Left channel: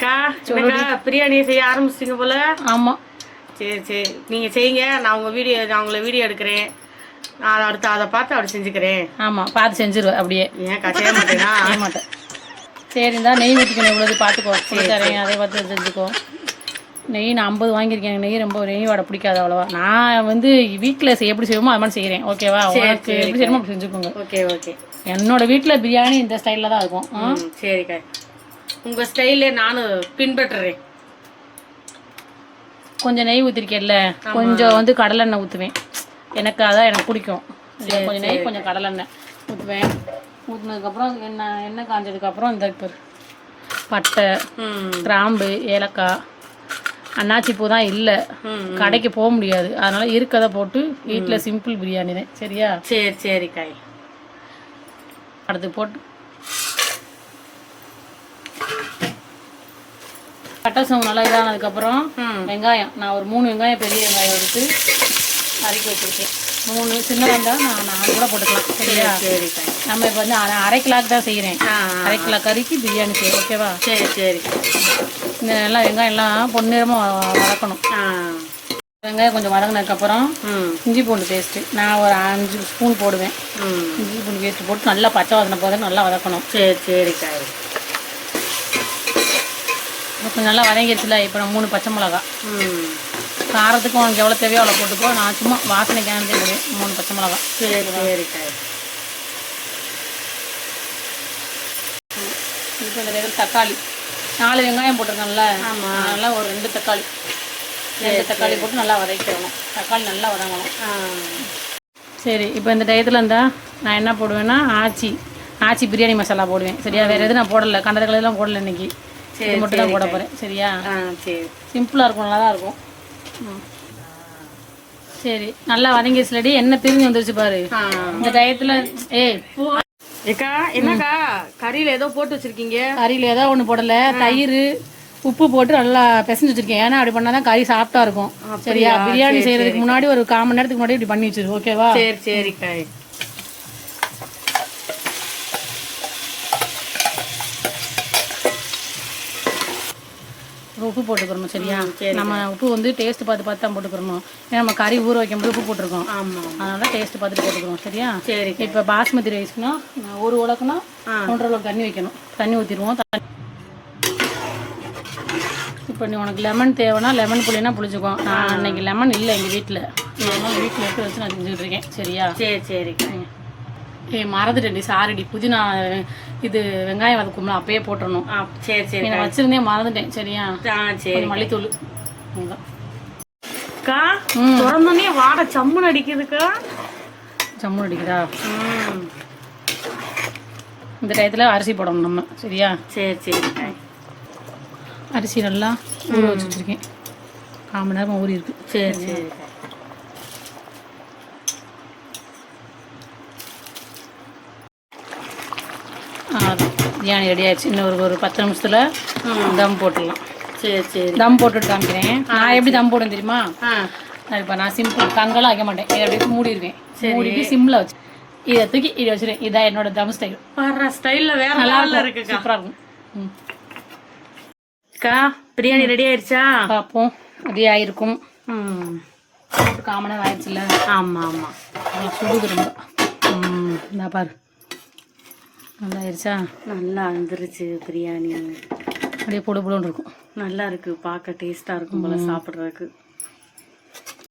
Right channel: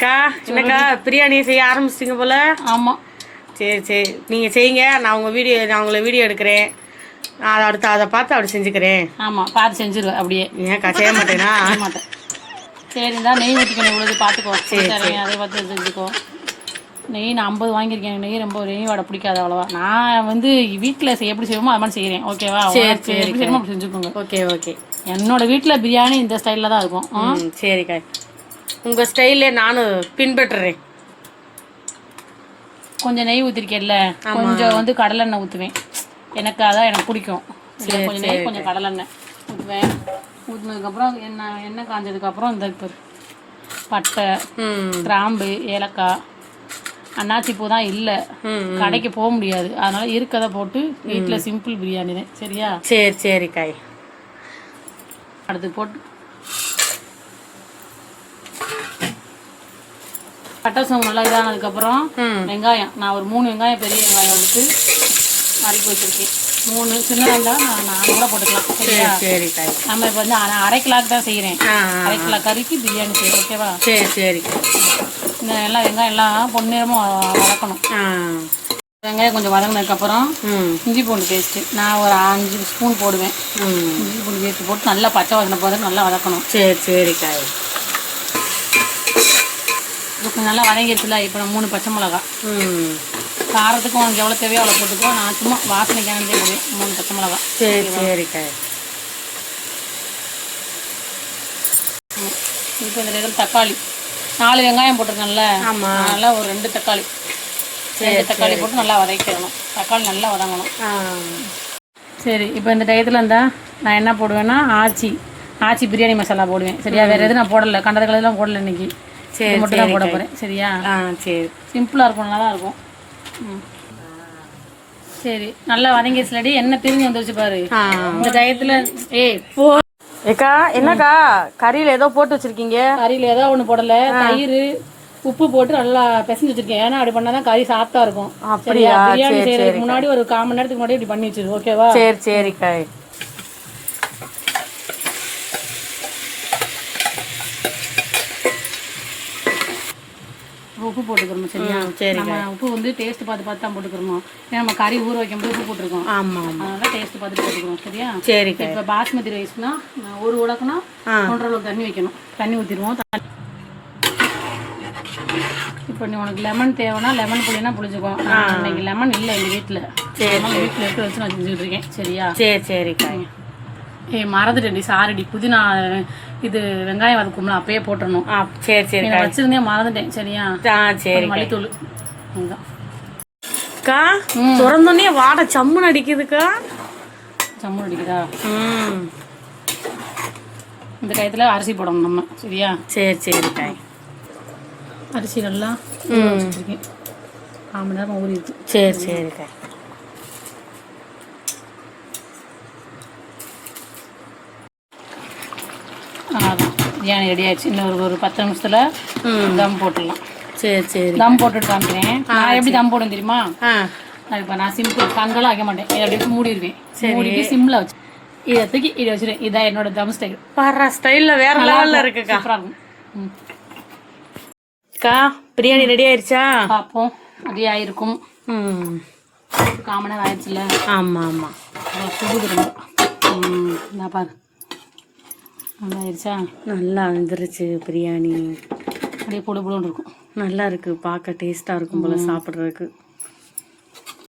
அக்கா என்னக்கா பிரியாணி செய்ய ஆரம்பிச்சிட்டிங்க போல. ஆமாம். சரி சரி, நீங்கள் செய்யுங்க. நான் உங்களை வீடியோ எடுக்கிறேன். நான் அடுத்து அதை பார்த்து அப்படி செஞ்சுக்கிறேன். ஆமாம், பார்த்து செஞ்சுருவேன். அப்படியே ஏன்க்கா செய்ய மாட்டேனா? செய்ய மாட்டேன். சரி, இருந்தால் நெய் ஊற்றிக்கணும். இவ்வளோ பார்த்துக்கோ. சரி, அதை பார்த்து செஞ்சுக்கோ. நெய் நான் 50 வாங்கியிருக்கேன். நெய் வாடை பிடிக்காது அவ்வளோவா. நான் வீட்டில் எப்படி செய்வோமோ அது மாதிரி செய்கிறேன். ஓகேவா? சரி எப்படி செய்யணுமோ அப்படி செஞ்சுக்கோங்க. Okay okay. என்னோட வீட்டில் பிரியாணி இந்த ஸ்டைலில் தான் இருக்கும். சரிக்கா, உங்கள் ஸ்டைலே நானும் பின்பற்றுறேன். கொஞ்சம் நெய் ஊற்றிருக்கேன்ல, கொஞ்சம் கடலெண்ணெய் ஊற்றுவேன். எனக்கு பிடிக்கும். கொஞ்சம் நெய் கொஞ்சம் கடலெண்ணெய் ஊற்றுவேன். ஊற்றினதுக்கப்புறம் எண்ணெய் காஞ்சதுக்கப்புறம் இந்த இப்போ பட்டை, கிராம்பு, ஏலக்காய், அன்னாச்சி பூ தான் இல்லை, கடைக்கு போக முடியாது. அதனால இருக்கதை போட்டு வீட்டில் சிம்பிள் பிரியாணி தான். சரியா? சரி சரிக்காய். அடுத்து போட்டு பட்டை சோம்பு நல்லா இதானதுக்கப்புறம் வெங்காயம், நான் ஒரு 3 வெங்காயம், பெரிய வெங்காயம் எடுத்து நறுக்கி வச்சுருக்கேன். 3 சின்ன வெங்காயம் நான் கூட போட்டுக்கலாம். சரியா? சரிக்காய். நம்ம இப்போ அரை கிலோக்கு தான் செய்கிறேன். அரை கிலோ கறிக்கு பிரியாணி செய்யணும். ஓகேவா? சரி சரி. இந்த நல்லா வெங்காயம் எல்லாம் பொன்னிறமாக வதக்கணும். வெங்காயம் கொஞ்சம் வதங்கினதுக்கப்புறம் இஞ்சி பூண்டு பேஸ்ட்டு நான் ஒரு 5 ஸ்பூன் போடுவேன். இஞ்சி பூண்டு பேஸ்ட்டு போட்டு நல்லா பச்சை வாசனை போது நல்லா வதக்கணும். சரி சரிக்காய். இப்போ நல்லா வதங்கிடுச்சுல. இப்போ நான் 3 பச்சை மிளகா, காரத்துக்கும் உனக்கு எவ்வளோ தேவையோ அவ்வளோ போட்டுக்கோ. நான் சும்மா வாசனைக்கான 3 பச்சை மிளகா. சரி சரிக்காய். இப்போ இந்த தக்காளி 4 வெங்காயம் போட்டிருக்கேன்ல, அதனால் ஒரு 2 தக்காளி போட்டு நல்லா வதக்கிடணும். தக்காளி நல்லா வதங்கணும். சரி, இப்போ இந்த டயத்தில் நான் என்ன போடுவேன்னா ஆச்சி பிரியாணி மசாலா போடுவேன். சரியா? வேறு எதுவும் நான் போடலை, கண்டத கலர்லாம் போடலை இன்னைக்கு. இது மட்டும் தான் போட போகிறேன். சரியா? சரி, சிம்பிளாக இருக்கும், நல்லா தான் இருக்கும். சரி, நல்லா வதங்கிடுச்சுலடி. என்ன பிரிஞ்சு வந்துருச்சு பாரு இந்த டயத்தில். ஏக்கா என்னக்கா கறியில் ஏதோ போட்டு வச்சிருக்கீங்க? கறியில் ஏதோ ஒன்று போடலை, தயிர் உப்பு போட்டு நல்லா பிசைஞ்சு வச்சிருக்கேன். ஏன்னா அப்படி பண்ணாதான் கறி சாஃப்டா இருக்கும். சரியா? பிரியாணி செய்யறதுக்கு முன்னாடி ஒரு 1/4 மணி நேரத்துக்கு முன்னாடி இப்படி பண்ணி வச்சிரு. ஓகேவா? சரி சரிக்கா. உப்பு போட்டுக்கிறோம். சரியா? நம்ம உப்பு டேஸ்ட் பார்த்து தான் போட்டுக்கிறோம். ஏன்னா நம்ம கறி ஊற வைக்கும்போது உப்பு போட்டிருக்கோம். அதனால டேஸ்ட் பார்த்துட்டு போட்டுக்கிறோம். சரியா? சரி. இப்போ பாஸ்மதி ரைஸ்னா ஒரு உலக்குனா 1.5 அளவுக்கு தண்ணி வைக்கணும். தண்ணி ஊற்றிடுவோம். இப்போ நீ உனக்கு லெமன் தேவைன்னா லெமன் புளினா புளிச்சுக்கோ. நான் அன்னைக்கு லெமன் இல்லை எங்கள் வீட்டில். வீட்டில் எடுத்து வச்சு நான் செஞ்சுக்கிட்டு இருக்கேன். சரியா? சரி சரிக்கா. மறந்துட்டேன்டி, சாரிடி. புதினா இது வெங்காயம் வதக்கும்ல அப்பயே போட்டுடணும். சரி சரி, நான் வச்சிருந்தேன், மறந்துட்டேன். சரியா? சரி. மல்லித்தூள் அக்கா திறந்தோடனே வாடை சம்முன்னு அடிக்குதுக்கா. சம்முன்னு அடிக்குதா? இந்த டயத்தில் அரிசி போடணும் நம்ம. சரியா? சரி சரிக்கா. அரிசி நல்லா ஊற வச்சுருக்கேன். 1/4 மணி நேரம் ஊறி இருக்கு. சரி சரிக்கா. பிரியாணி ரெடி ஆயிடுச்சு. இன்னும் ஒரு 10 நிமிஷத்தில் தம் போட்டுடலாம். சரி சரி. தம் போட்டுட்டு காமிக்கிறேன். நான் எப்படி தம் போடுவேன் தெரியுமா? இப்போ நான் சிம்பிள் கங்கெல்லாம் வைக்க மாட்டேன். இதை அப்படியே மூடிடுவேன். மூடிட்டு சிம்மில் வச்சு இதை தூக்கி இதை வச்சுருவேன். இதான் என்னோட தம் ஸ்டைல். வர்ற ஸ்டைலில் வேற நல்லா இருக்கு. சூப்பராக இருக்கும். அக்கா பிரியாணி ரெடி ஆயிடுச்சா? பார்ப்போம். ரெடி ஆகிருக்கும். 1/4 மணி நேரம் ஆயிடுச்சுல்ல? ஆமாம் ஆமாம். சுடுது ரொம்ப. நான் பாரு நல்லா ஆயிடுச்சா? நல்லா வந்துருச்சு பிரியாணி. அப்படியே பொடு பொடுன்னு இருக்கும். நல்லா இருக்குது, பார்க்க டேஸ்ட்டாக இருக்கும் போல் சாப்பிட்றதுக்கு.